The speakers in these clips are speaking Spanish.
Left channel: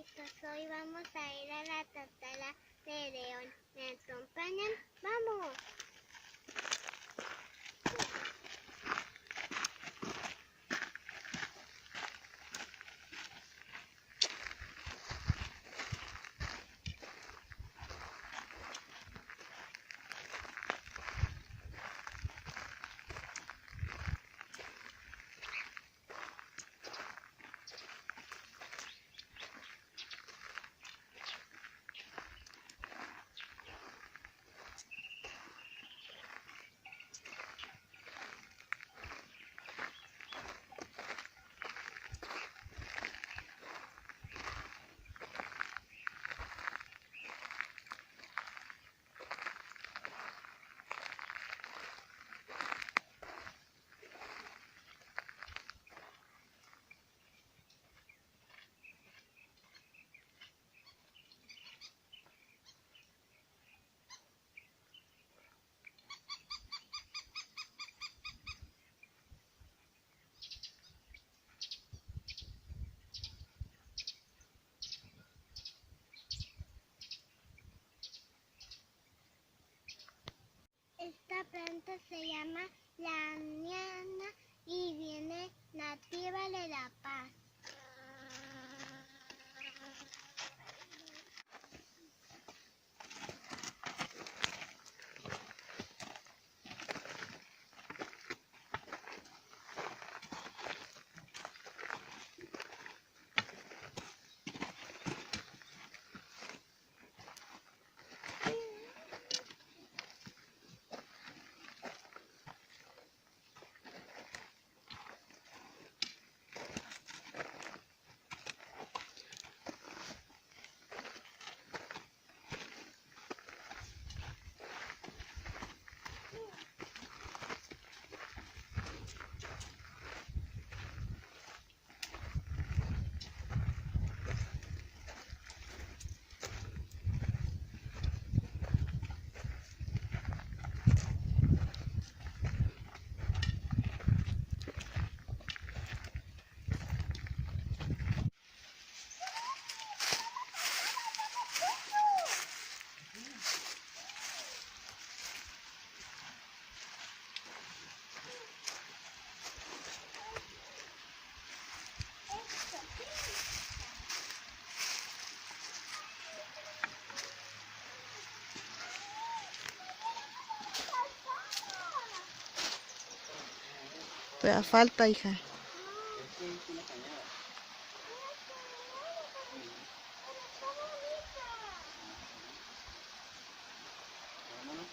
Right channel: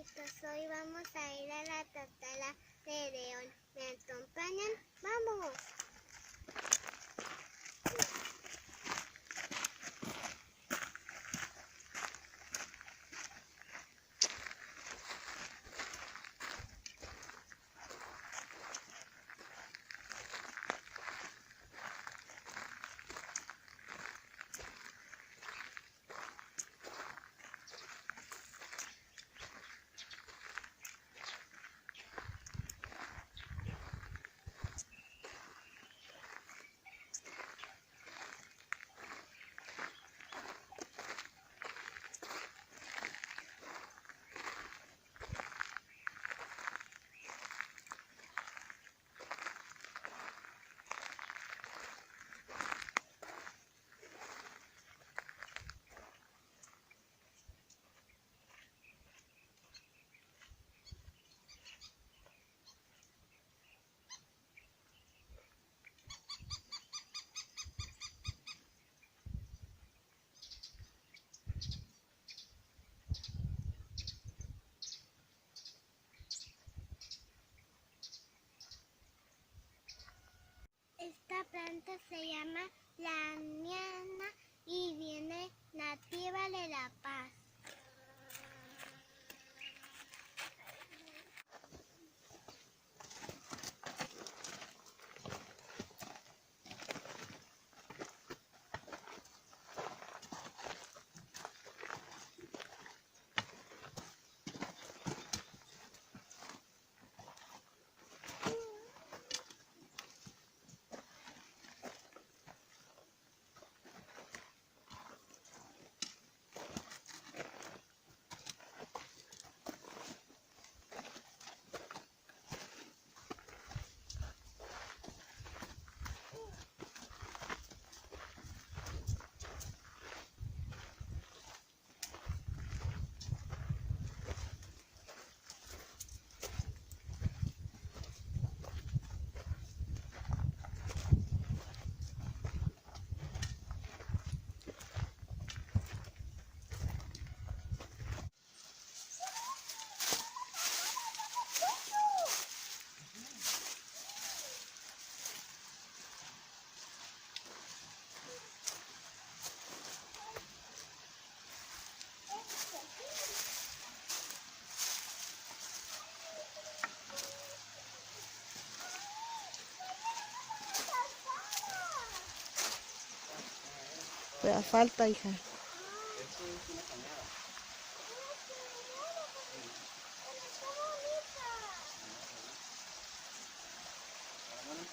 amiguitos, hoy vamos a ir a la Tatara de León. ¿Me acompañan? ¡Vamos! Esta planta se llama la aniana y viene nativa de La Paz. Pero falta, hija. Esto es una cañada. Vámonos.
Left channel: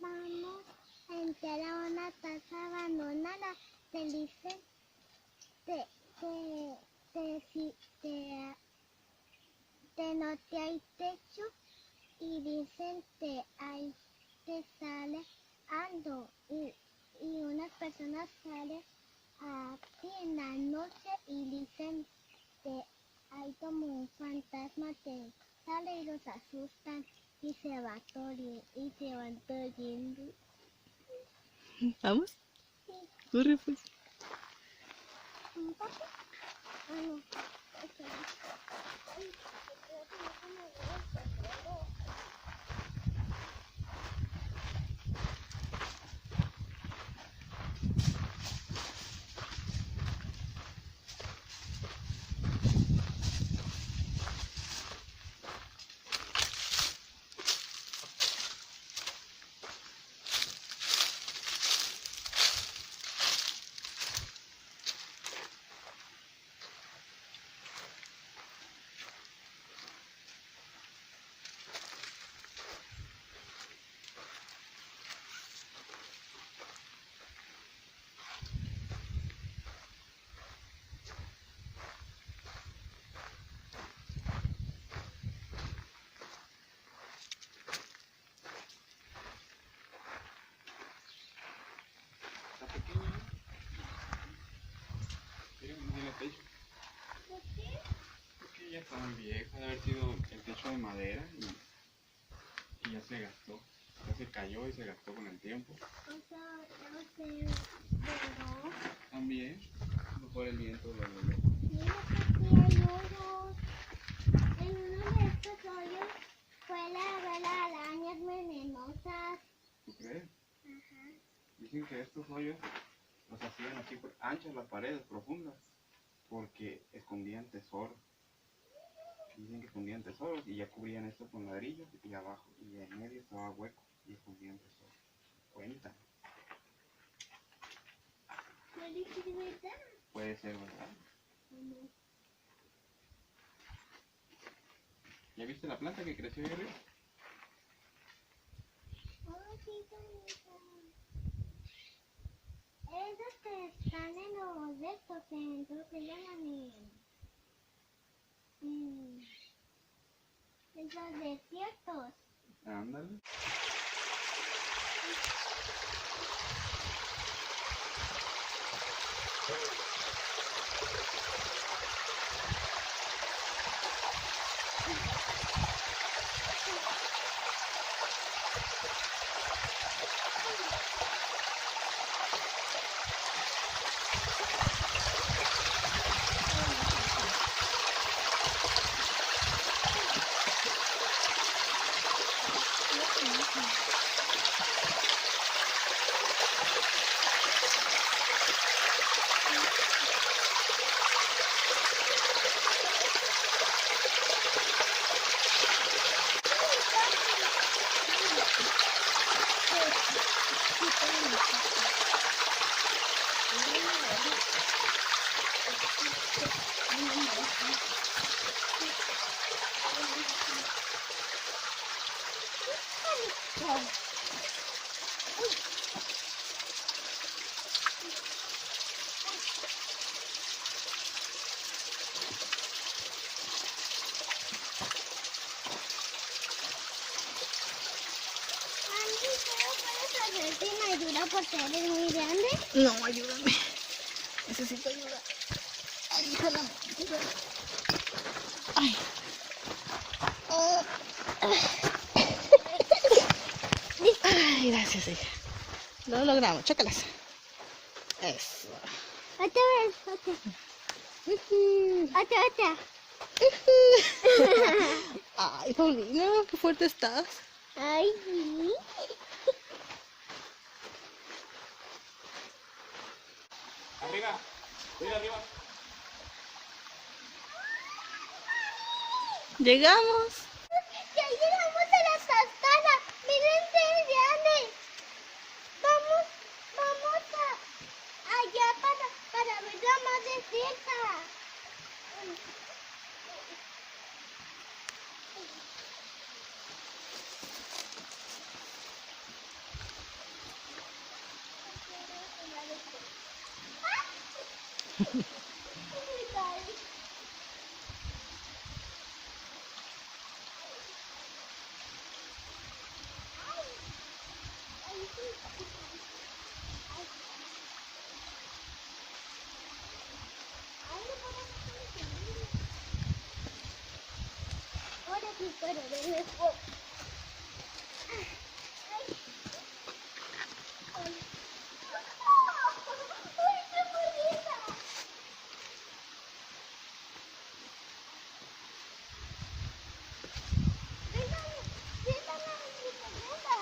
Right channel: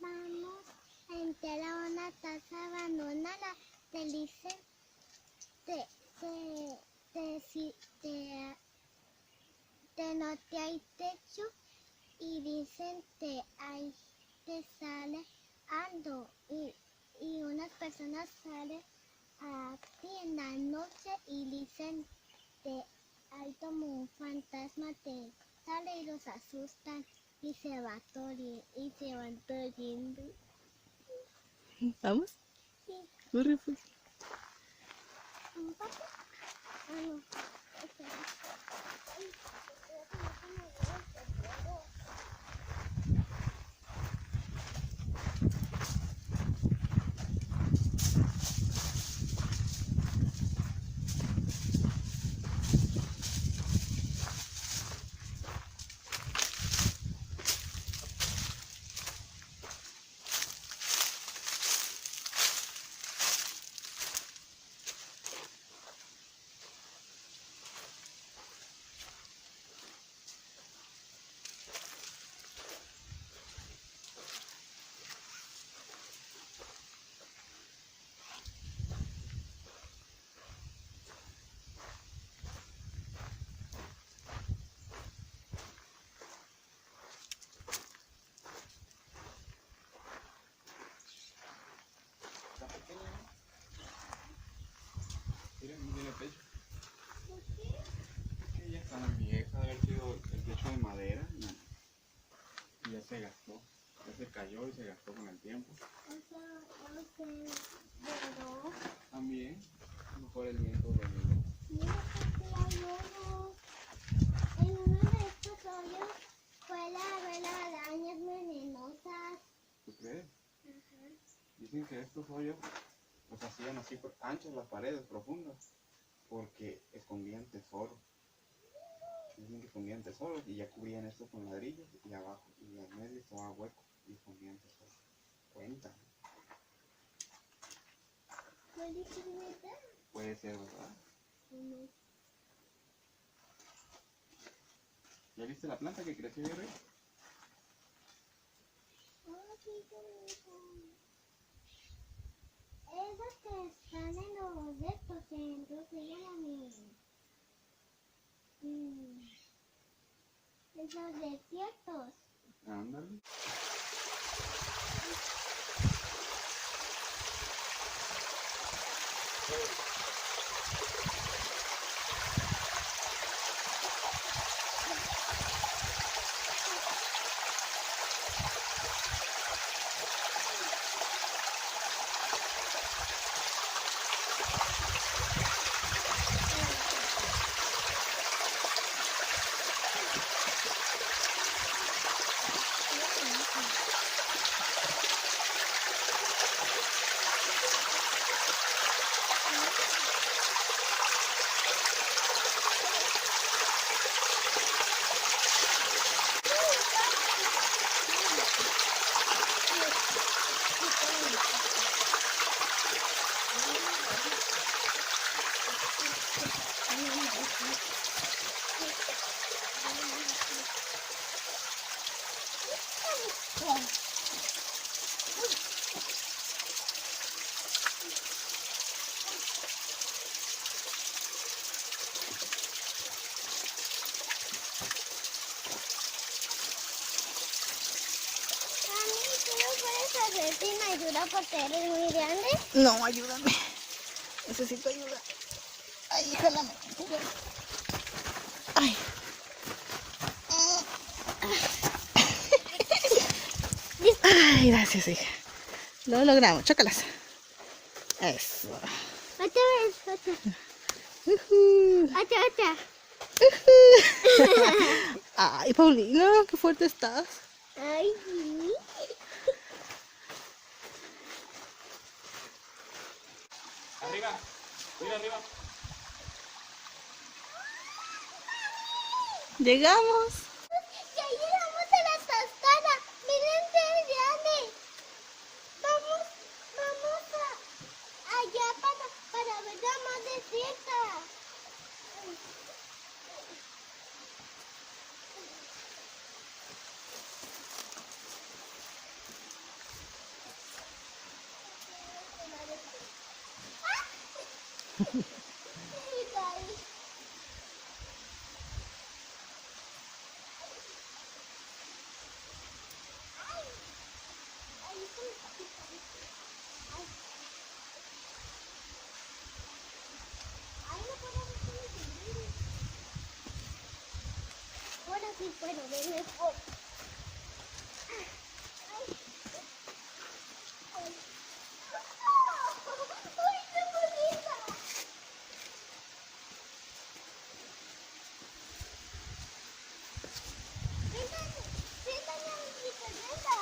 Vamos a entrar a una casa abandonada. Te dicen, no te hay techo y dicen te sale ando y unas personas salen a ti en la noche y dicen que hay como un fantasma te sale y los asustan y se van corriendo. ¿Vamos? Sí. Corre, pues. ¿Un papi? Ah, no. Ok. Ay, creo que no se me olvidó el sombrero. mucho de madera y ya se gastó. Ya se cayó y se gastó con el tiempo. O sea, ya se voló. También, a lo mejor el viento lo arregló. Mira, porque hay hoyos. En uno de estos hoyos puede haber arañas venenosas. ¿Tú crees? Ajá. Dicen que estos hoyos los hacían así por anchas las paredes profundas porque escondían tesoros. Dicen que escondían tesoros y ya cubrían esto con ladrillos y abajo y en medio estaba hueco y escondían tesoros. Cuentan. ¿Puede ser verdad Puede ser, ¿verdad? o no? ¿Ya viste la planta que creció ahí arriba? Oh, sí, qué bonita. Esas que están en los de estos centros se llaman en los desiertos. Ándale. ¿Me ayuda porque eres muy grande? No, ayúdame. Necesito ayuda. Ay, hija, no. Ay. Ay, gracias, hija. Lo logramos, chócalas. Eso. Otra vez, otra. Ujú. Otra. Ay, Paulina, qué fuerte estás. Ay, sí. Arriba, mira arriba. Llegamos. Ya llegamos a la cascada. Miren qué grande. Vamos allá para verla más de cerca. Ahora sí puedo ver mejor. Ay, qué bonita. Siéntame en mi bicicleta.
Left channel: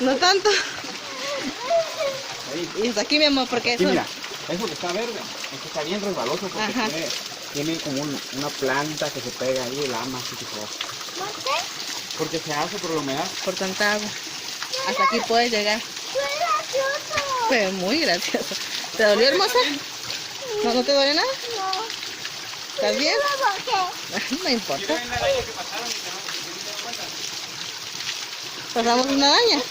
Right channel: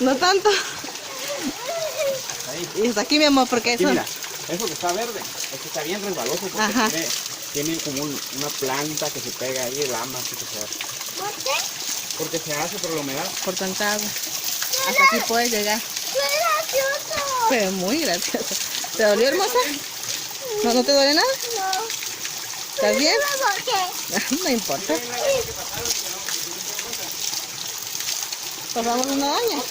No tanto. Ahí. Y hasta aquí, mi amor, porque Sí, eso... mira, eso que está verde, es que está bien resbaloso porque Ajá. tiene como una planta que se pega ahí, el ama, así que se hace. ¿Por qué? Porque se hace por la humedad. Por tanta agua. Hasta aquí puedes llegar. ¡Qué gracioso! Se ve muy gracioso. ¿Te dolió, hermosa? ¿No, no te duele nada? No. ¿Estás bien? ¿Por qué? No importa. ¿Pasamos una araña?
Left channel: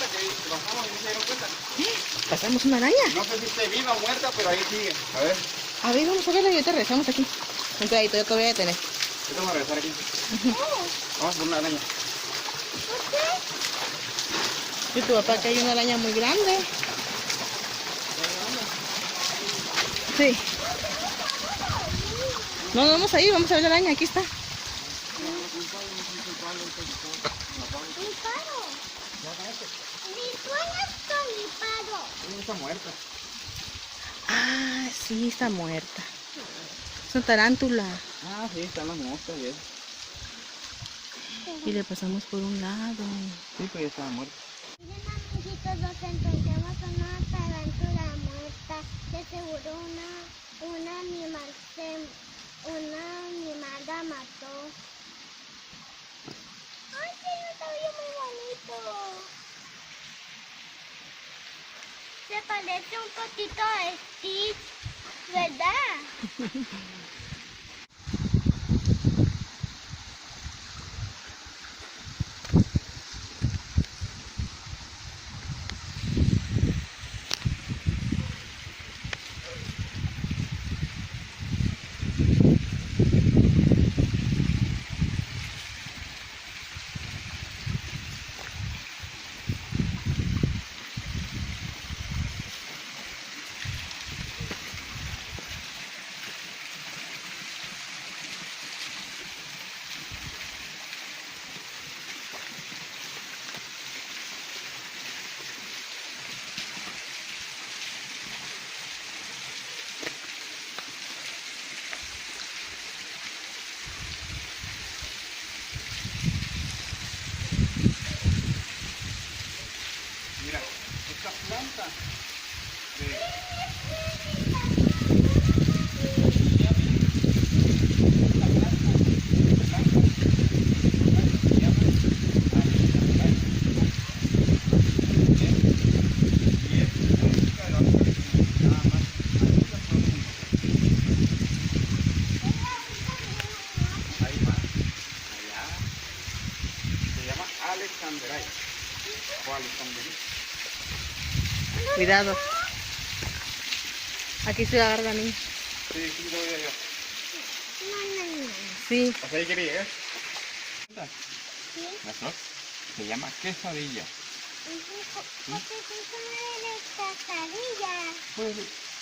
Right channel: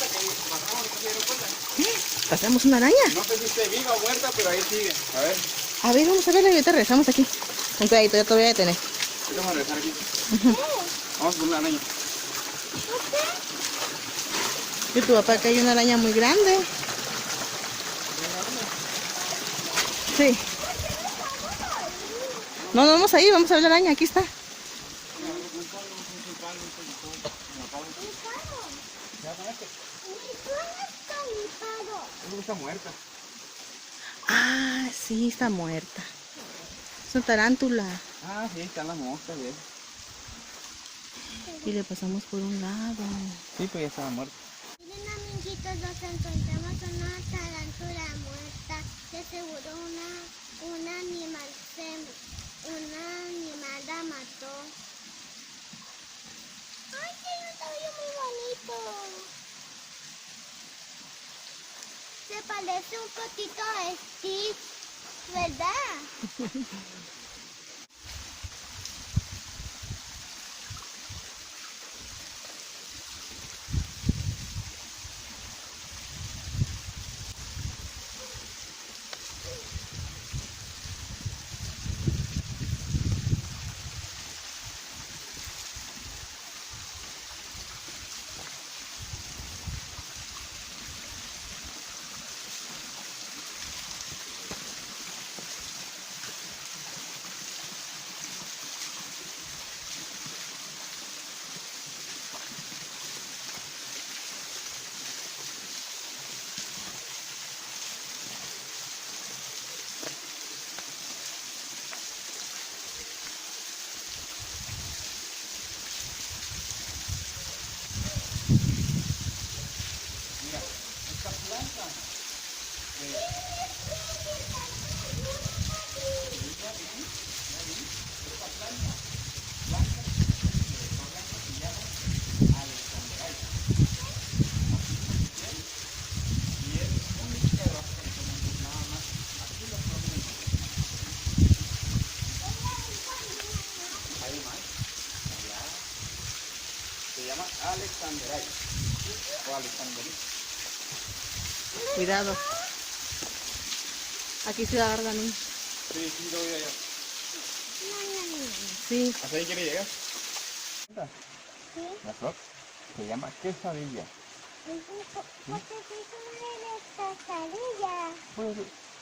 ¿Pasamos una araña? No sé si esté viva o muerta, pero ahí sigue. A ver, A ver, vamos a verla y ahorita regresamos aquí. Un pedacito, yo te voy a detener. vamos a regresar aquí. Vamos a poner una araña. Y tu papá que hay una araña muy grande. Sí. No, no vamos a ir, vamos a ver la araña, aquí está. Mi paro. Mi sueño está mi paro. ¿Cómo está muerta? Ah, sí, está muerta. Es una tarántula. Ah, sí, están las moscas y eso. Y le pasamos por un lado. Sí, pues ya estaba muerta. Miren, amiguitos, nos encontramos una tarántula muerta. De seguro un animal la mató. ¡Ay, tiene un cabello muy bonito! Se parece un poquito a Steve, ¿verdad? Mira, esta planta de... Se llama Alexandrai o Alexandri. Cuidado. Aquí se agarra la niña. Sí, sí, lo voy a yo. No. Sí. ¿Hasta ahí quería llegar? ¿Sí? La flor se llama quesadilla. ¿Por qué se llama quesadilla? Pues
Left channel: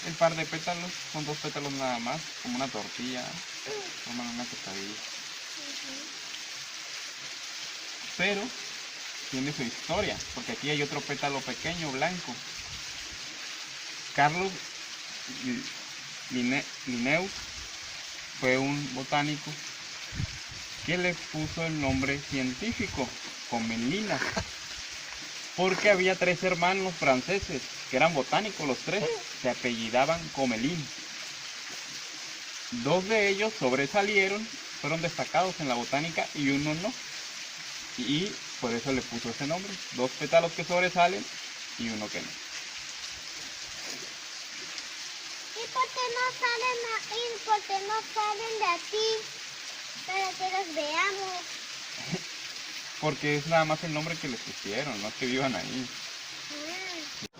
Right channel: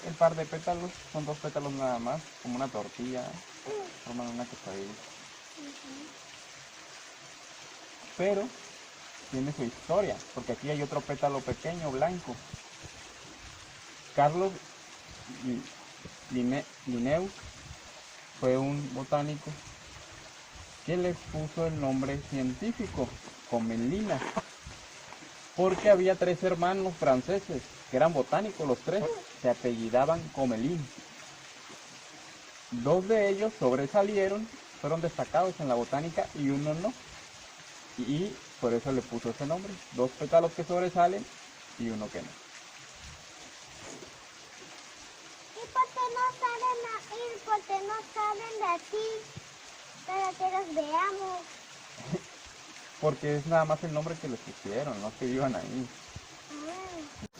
el par de pétalos, son 2 pétalos nada más, como una tortilla, forman una quesadilla. Pero tiene su historia, porque aquí hay otro pétalo pequeño, blanco. Carlos Linnaeus fue un botánico que le puso el nombre científico, Commelina, porque había 3 hermanos franceses que eran botánicos, los 3 se apellidaban Commelin. 2 de ellos sobresalieron, fueron destacados en la botánica y uno no. Y por eso le puso ese nombre. 2 pétalos que sobresalen y uno que no. ¿Y por qué no salen de aquí? Para que los veamos. Porque es nada más el nombre que les pusieron, no es que vivan ahí.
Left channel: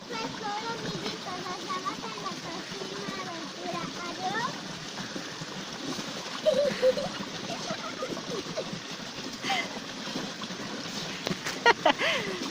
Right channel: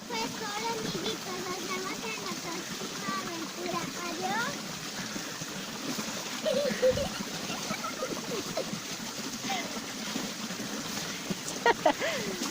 Pues hola, amiguitos, nos vemos en la próxima aventura. Adiós.